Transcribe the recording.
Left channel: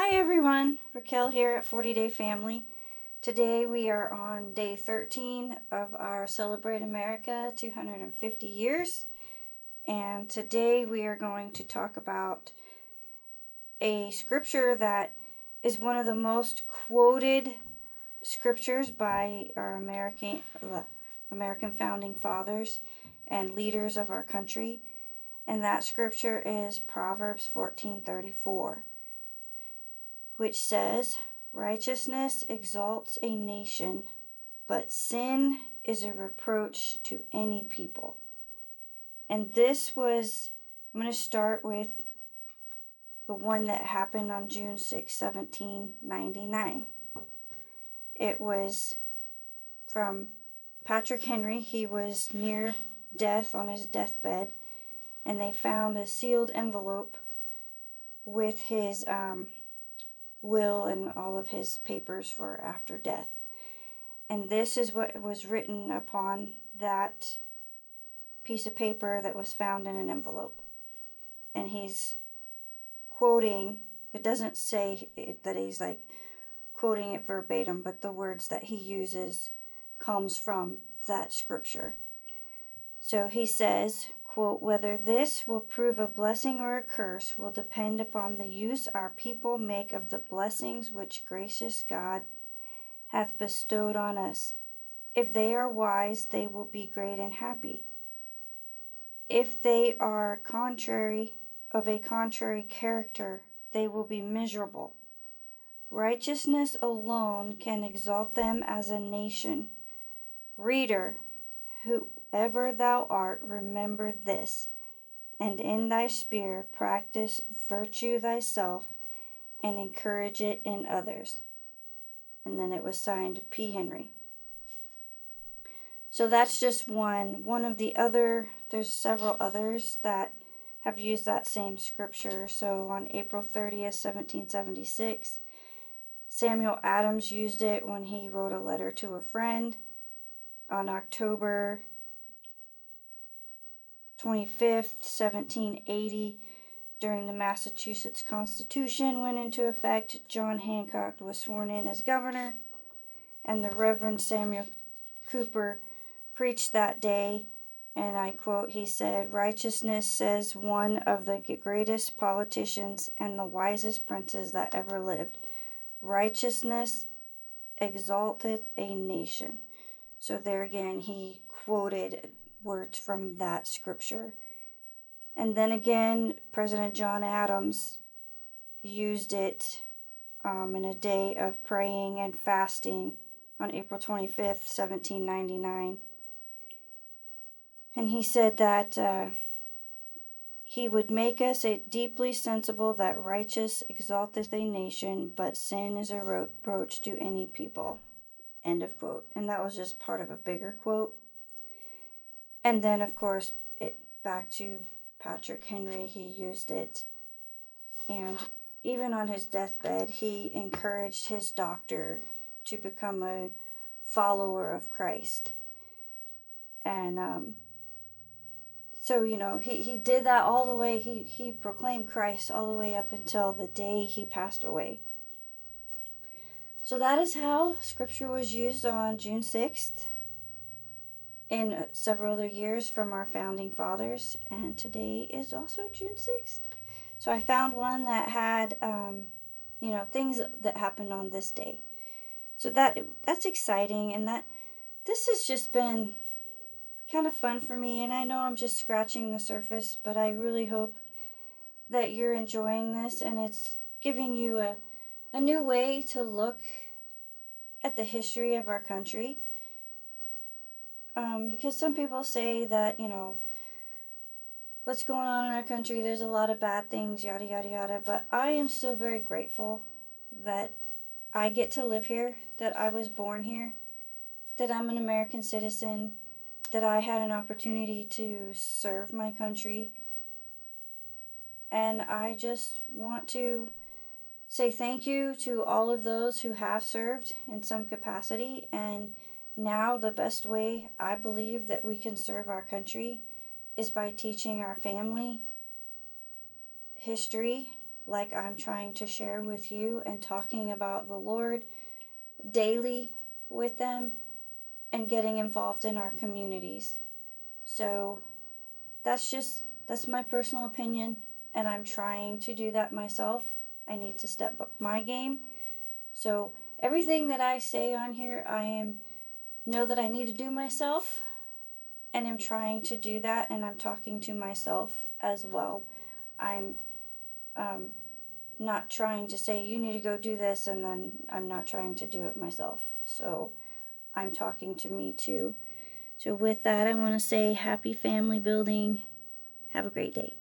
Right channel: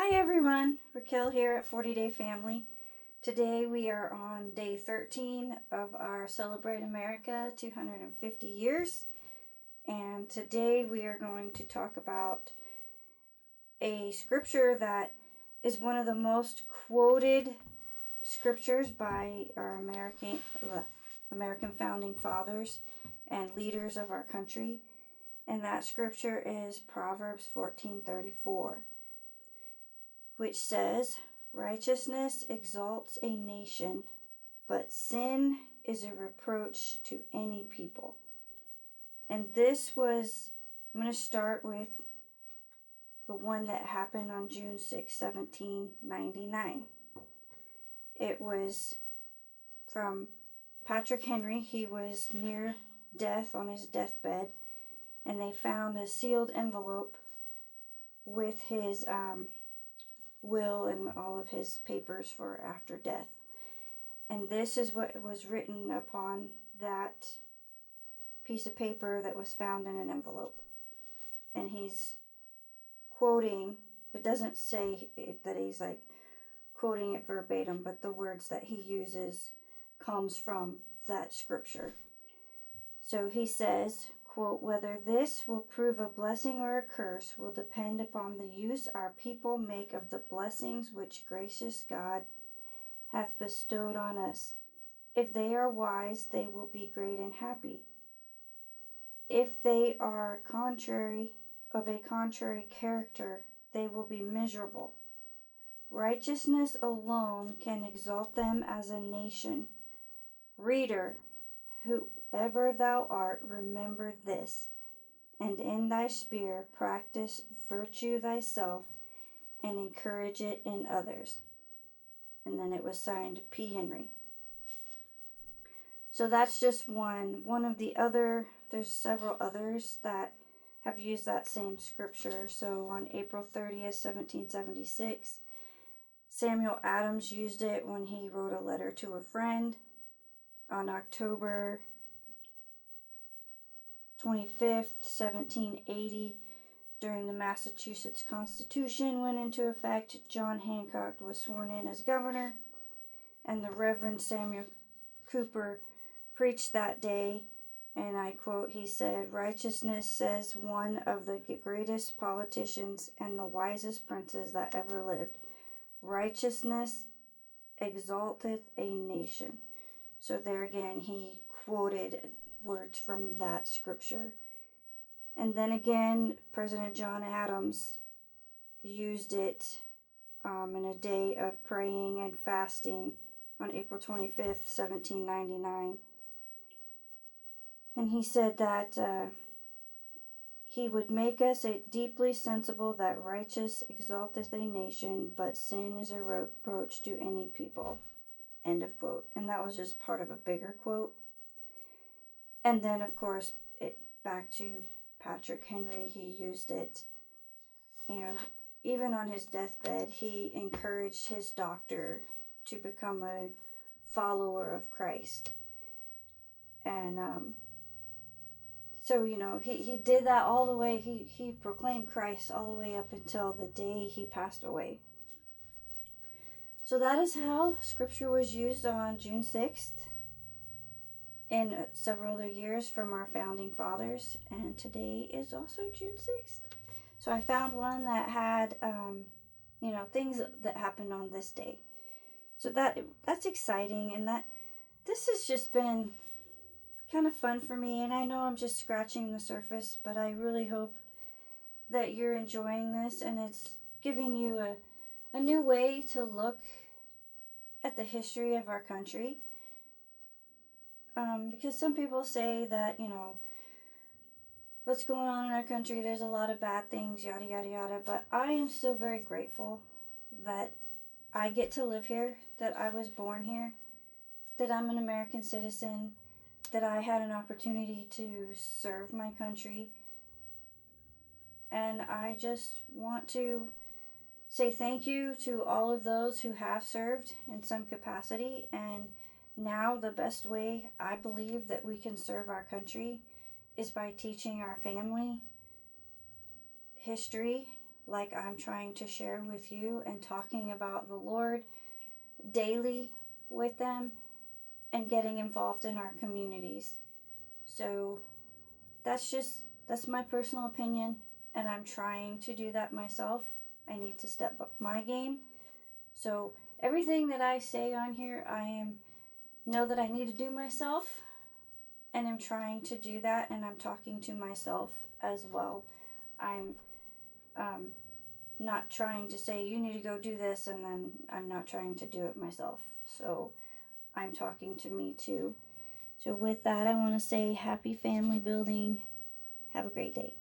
Hi everyone, Raquel here at 40 Day Family. Today we are on day 13 of our Celebrate America 250 years. And today we are going to talk about a scripture that is one of the most quoted scriptures by our American founding fathers and leaders of our country. And that scripture is Proverbs 14:34. Which says, "Righteousness exalts a nation, but sin is a reproach to any people." And I'm going to start with the one that happened on June 6, 1799. It was from Patrick Henry. He was near death on his deathbed, and they found a sealed envelope with his will and all of his papers for after death. And this is what was written upon that piece of paper that was found in an envelope. And he's quoting, it doesn't say that he's like quoting it verbatim, but the words that he uses comes from that scripture. So he says, quote, "Whether this will prove a blessing or a curse will depend upon the use our people make of the blessings which gracious God hath bestowed on us. If they are wise, they will be great and happy. If they are of a contrary character, they will be miserable. Righteousness alone can exalt them as a nation. Reader, whoever thou art, remember this, and in thy sphere practice virtue thyself, and encourage it in others." And then it was signed P. Henry. So that's just one of the other, there's several others that have used that same scripture. So on April 30th, 1776, Samuel Adams used it when he wrote a letter to a friend. On October 25th, 1780, during the Massachusetts Constitution went into effect, John Hancock was sworn in as governor, and the Reverend Samuel Cooper preached that day, and I quote, he said, "Righteousness, says one of the greatest politicians and the wisest princes that ever lived, righteousness exalteth a nation." So there again, he quoted words from that scripture. And then again, President John Adams used it in a day of praying and fasting on April 25th, 1799. And he said that he would make us deeply sensible that righteous exalteth a nation, but sin is a reproach to any people. End of quote. And that was just part of a bigger quote. And then, of course, back to Patrick Henry, he used it. And even on his deathbed, he encouraged his doctor to become a follower of Christ. And so, he did that all the way. He proclaimed Christ all the way up until the day he passed away. So that is how scripture was used on June 6th in several other years from our founding fathers. And today is also June 6th. So I found one that had, things that happened on this day. So that's exciting. And this has just been kind of fun for me. And I know I'm just scratching the surface, but I really hope that you're enjoying this and it's giving you a new way to look at the history of our country. Because some people say that, what's going on in our country, there's a lot of bad things, yada, yada, yada. But I am still very grateful that I get to live here, that I was born here, that I'm an American citizen, that I had an opportunity to serve my country. And I just want to say thank you to all of those who have served in some capacity. And now the best way I believe that we can serve our country is by teaching our family history, like I'm trying to share with you and talking about the Lord daily with them and getting involved in our communities. So that's my personal opinion, and I'm trying to do that myself. I need to step up my game. So everything that I say on here, know that I need to do myself, and I'm trying to do that, and I'm talking to myself as well. I'm not trying to say you need to go do this, and then I'm not trying to do it myself. So I'm talking to me too. So with that, I want to say happy family building. Have a great day.